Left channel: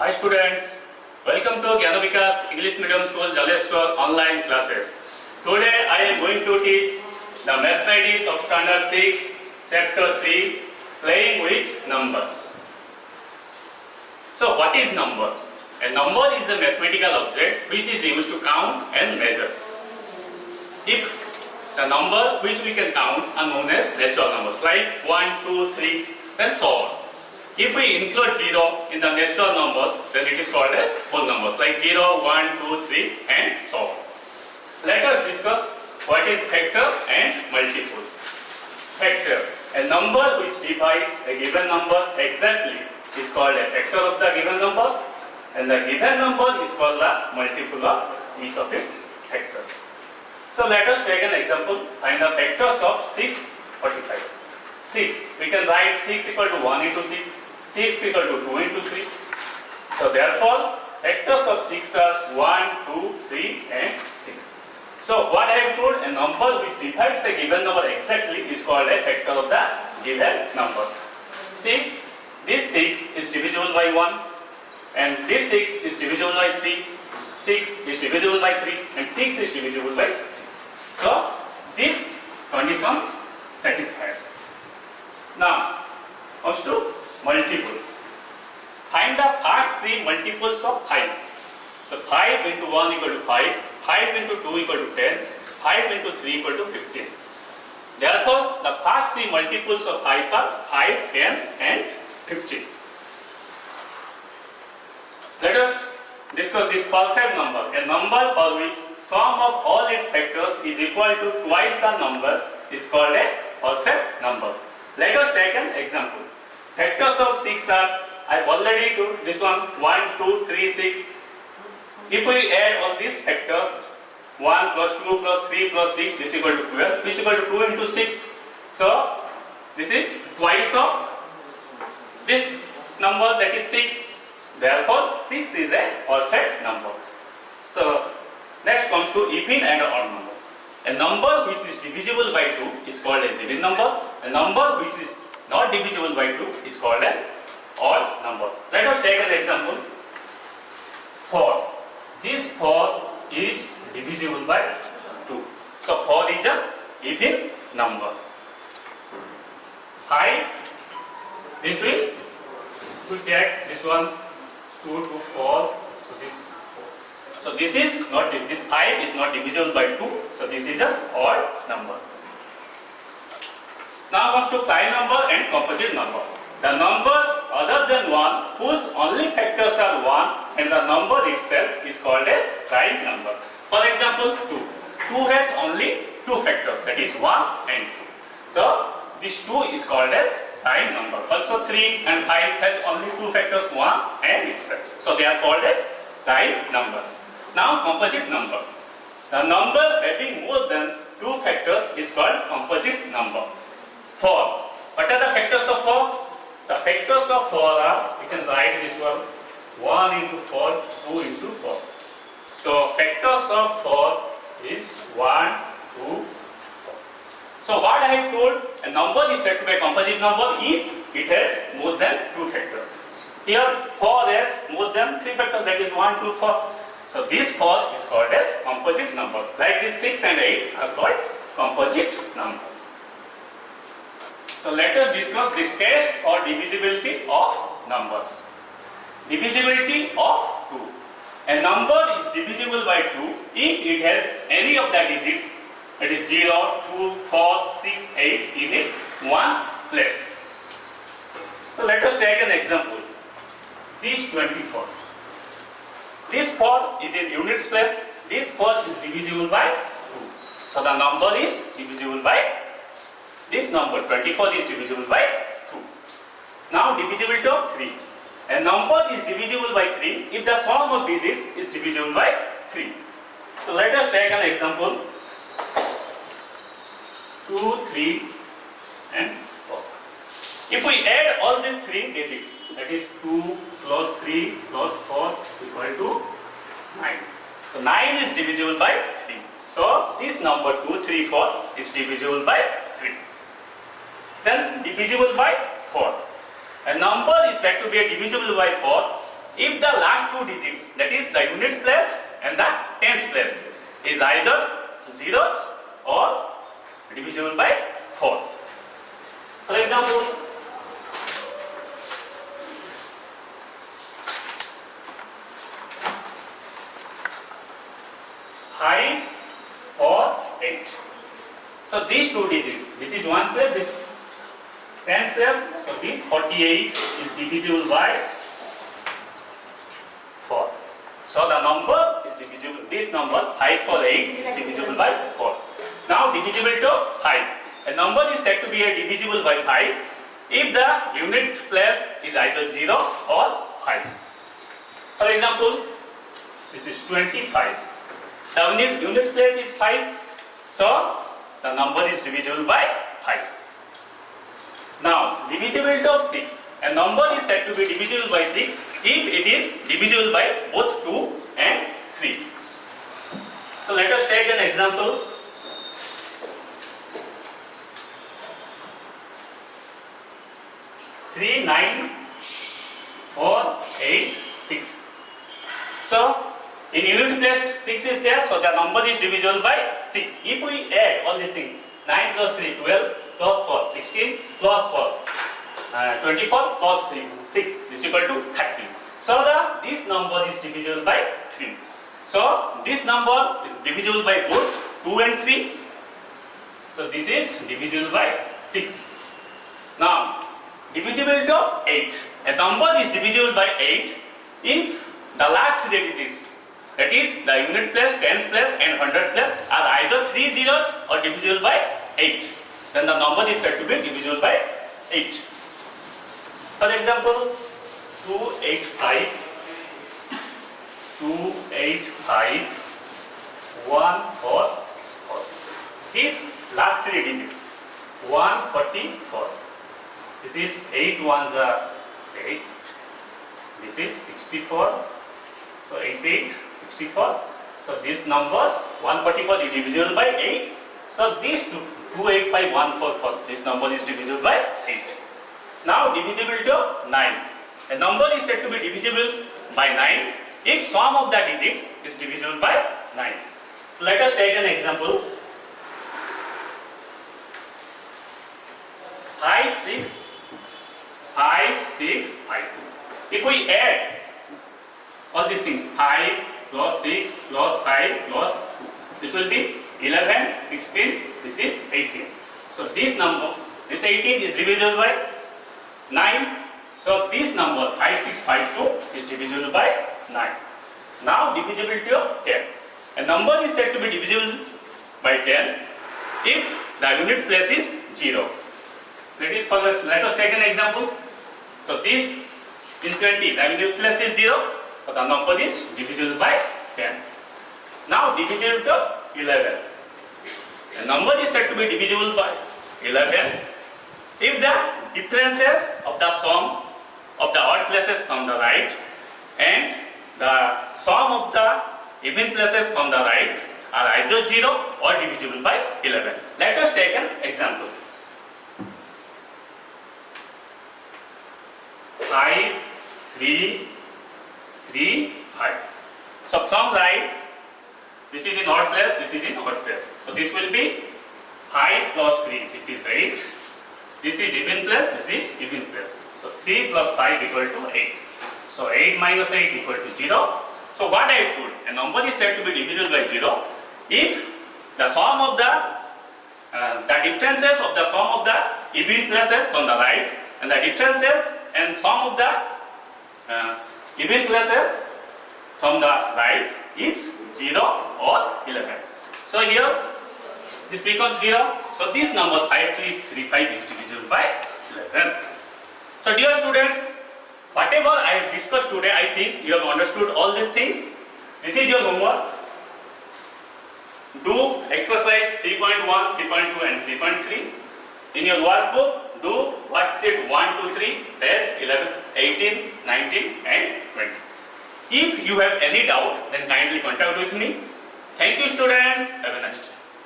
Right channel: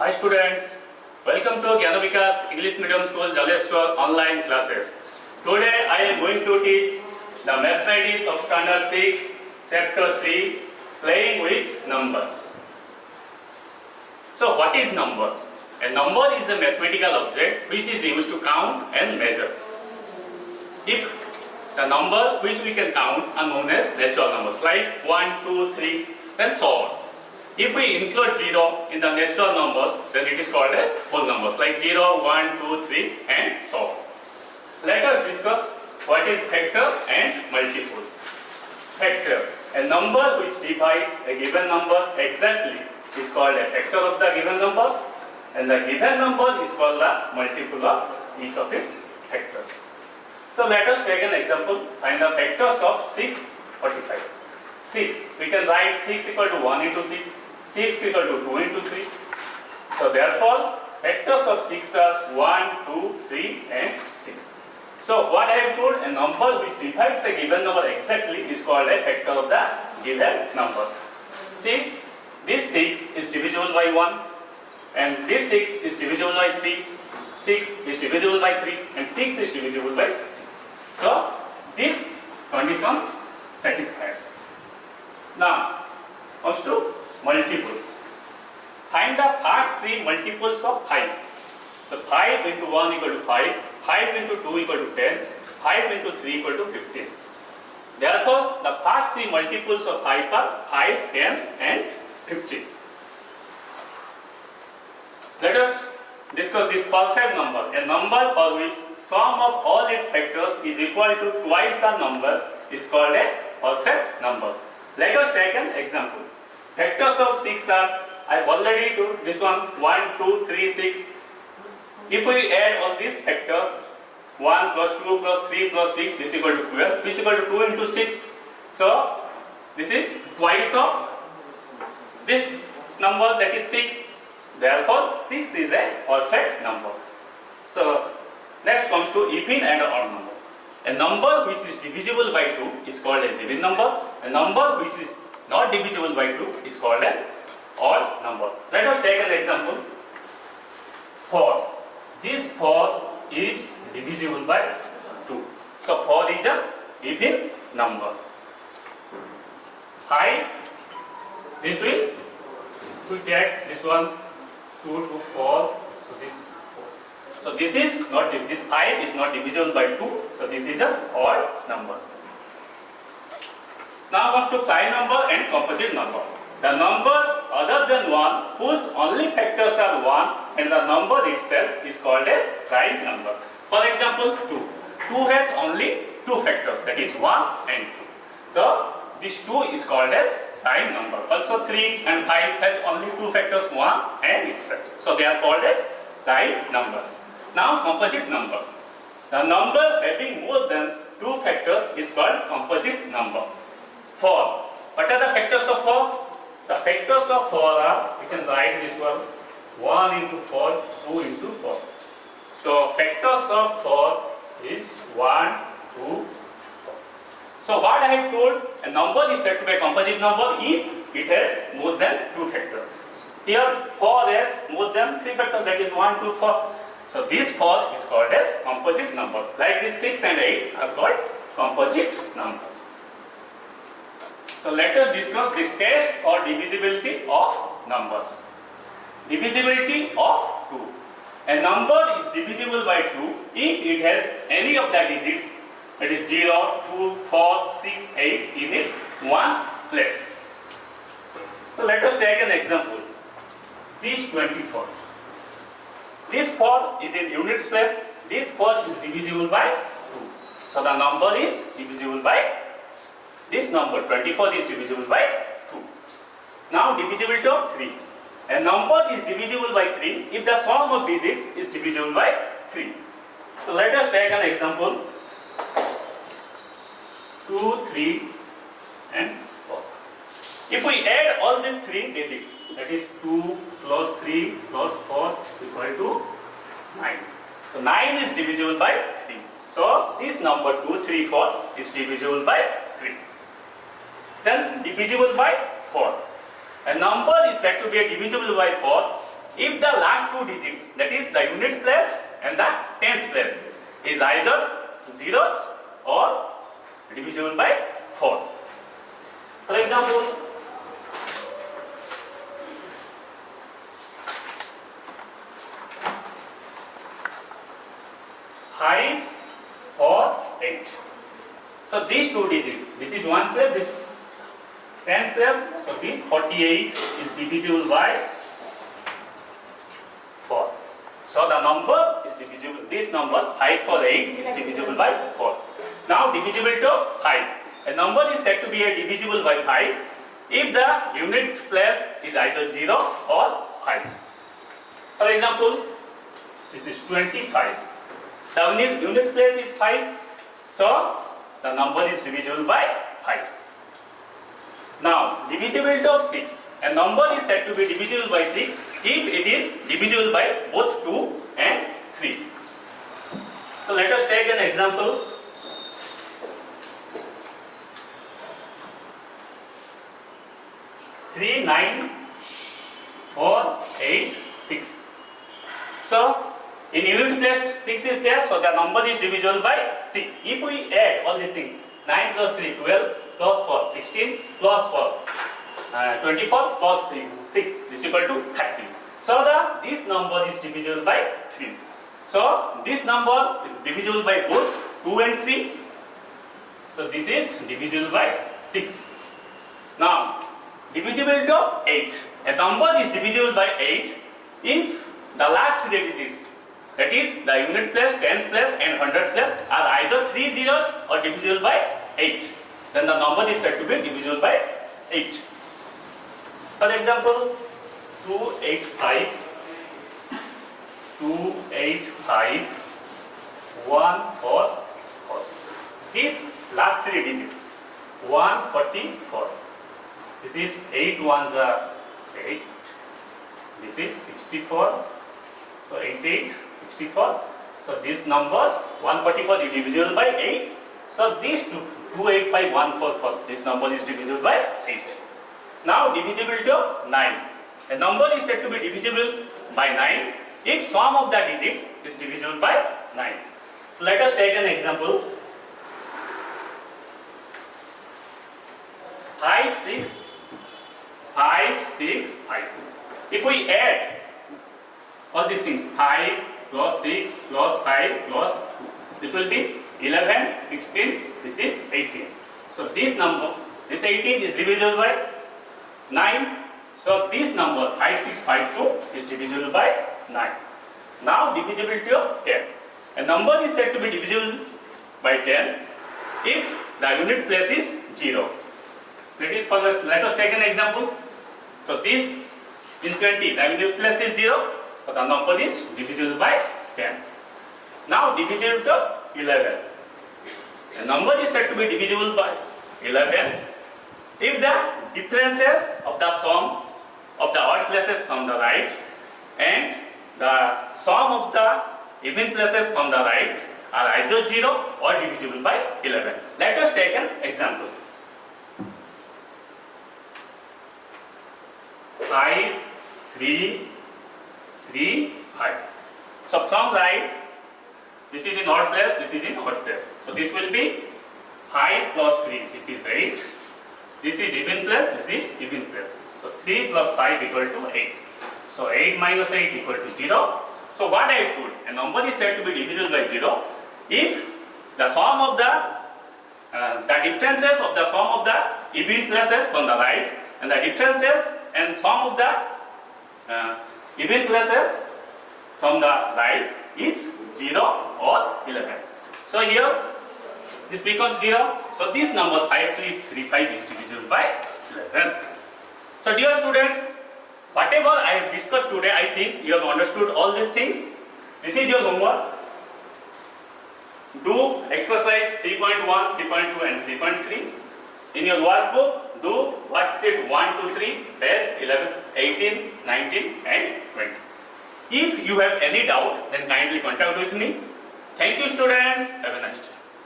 Hi students, welcome to Gyanavikas English Medium School Jaleshwar online classes. Today I am going to teach the mathematics of standard 6 chapter 3 playing with numbers. So what is number? A number is a mathematical object which is used to count and measure. If the number which we can count are known as natural numbers like 1, 2, 3 and so on. If we include 0 in the natural numbers, then it is called as whole numbers like 0, 1, 2, 3 and so on. Let us discuss what is factor and multiple. Factor, a number which divides a given number exactly is called a factor of the given number, and the given number is called the multiple of each of its factors. So let us take an example. Find the factors of 6, 45. 6, we can write 6 equal to 1 into 6, 6 equal to 2 into 3. So therefore, factors of 6 are 1, 2, 3 and 6. So what I have told, a number which divides a given number exactly is called a factor of the given number. See, this 6 is divisible by 1 and this 6 is divisible by 3, 6 is divisible by 3 and 6 is divisible by 6. So this condition satisfied. Now comes to multiple. Find the first 3 multiples of 5. So 5 into 1 equal to 5, 5 into 2 equal to 10, 5 into 3 equal to 15. Therefore, the first 3 multiples of 5 are 5, 10 and 15. Let us discuss this perfect number. A number for which sum of all its factors is equal to twice the number is called a perfect number. Let us take an example. Factors of 6 are, I have already told this one, 1, 2, 3, 6. If we add all these factors, 1 plus 2 plus 3 plus 6 is equal to 12, which is equal to 2 into 6. So, this is twice of this number, that is 6. Therefore, 6 is a perfect number. So, next comes to even and odd number. A number which is divisible by 2 is called a even number. A number which is not divisible by 2 is called an odd number. Let us take an example. 4. This 4 is divisible by 2. So 4 is an even number. 5. This will, we take this one 2 to 4. So this 4. So this is not, this 5 is not divisible by 2. So this is an odd number. Now comes to prime number and composite number. The number other than 1 whose only factors are 1 and the number itself is called as prime number. For example, 2. 2 has only 2 factors, that is 1 and 2. So this 2 is called as prime number. Also 3 and 5 has only 2 factors, 1 and itself. So they are called as prime numbers. Now composite number. The number having more than 2 factors is called composite number. 4. What are the factors of 4? The factors of 4 are, we can write this one, 1 into 4, 2 into 4. So factors of 4 is 1, 2, 4. So what I have told, a number is said to be a composite number if it has more than 2 factors. Here 4 has more than 3 factors, that is 1, 2, 4. So this 4 is called as composite number. Like this 6 and 8 are called composite numbers. So let us discuss this test or divisibility of numbers. Divisibility of 2. A number is divisible by 2 if it has any of the digits, that is 0, 2, 4, 6, 8 in its ones place. So let us take an example. This 24. This 4 is in units place. This 4 is divisible by 2. So the number is divisible by this number 24 is divisible by 2. Now divisibility of 3. A number is divisible by 3 if the sum of digits is divisible by 3. So let us take an example. 2, 3 and 4. If we add all these 3 digits, that is 2 plus 3 plus 4 equal to 9. So 9 is divisible by 3. So this number 2, 3, 4 is divisible by 3. Then divisible by 4. A number is said to be divisible by 4 if the last two digits, that is the unit place and the tens place, is either zeros or divisible by 4. For example, 5 or 8. So these two digits, this is ones place, this tens place. So this 48 is divisible by 4. So the number is divisible. This number 5 or 8 is divisible by 4. Now divisible to 5. A number is said to be a divisible by 5 if the unit place is either 0 or 5. For example, this is 25. The unit place is 5. So the number is divisible by 5. Now divisibility of 6. A number is said to be divisible by 6 if it is divisible by both 2 and 3. So let us take an example. 3, 9, 4, 8, 6. So in unit place 6 is there, so the number is divisible by 6. If we add all these things, 9 plus 3, 12, plus 4, 16, plus 4, 24, plus 3, 6, this is equal to 30. So this number is divisible by 3. So this number is divisible by both 2 and 3. So this is divisible by 6. Now divisibility of 8. A number is divisible by 8 if the last 3 digits, that is the unit place, tens place and hundred place, are either 3 zeros or divisible by 8. Then the number is said to be divisible by 8. For example, 285, 285, 144. These last 3 digits, 144. This is 8 ones are 8. This is 64. So 8, 8, 64. So this number 144 is divisible by 8. So these 285, 144, this number is divisible by 8. Now divisibility of 9. A number is said to be divisible by 9 if sum of the digits is divisible by 9. So let us take an example. 5, 6, 5, 6, 5. If we add all these things, 5 plus 6 plus 5 plus 2, this will be 11, 16, this is 18. So this number, this 18 is divisible by 9. So this number 5652 is divisible by 9. Now divisibility of 10. A number is said to be divisible by 10 if the unit place is 0. Let us take an example. So this is 20, the unit place is 0, so the number is divisible by 10. Now divisibility of 11. A number is said to be divisible by 11 if the differences of the sum of the odd places from the right and the sum of the even places from the right are either 0 or divisible by 11. Let us take an example. 5, 3, 3, 5. So from right, this is in odd place, this is in odd place. So this will be 5 plus 3, this is 8. This is even place, this is even place. So 3 plus 5 equal to 8. So 8 minus 8 equal to 0. So what I have told, a number is said to be divisible by 0 if the sum of the differences of the sum of the even places from the right and the differences and sum of the even places from the right is 0 or 11. So here this becomes 0. So this number 5335 is divisible by 11. So dear students, whatever I have discussed today, I think you have understood all these things. This is your homework. Do exercise 3.1, 3.2 and 3.3. In your workbook, do worksheet 1, 2, 3, page 11, 18, 19 and 20. If you have any doubt, then kindly contact with me. Thank you students. Have a nice day.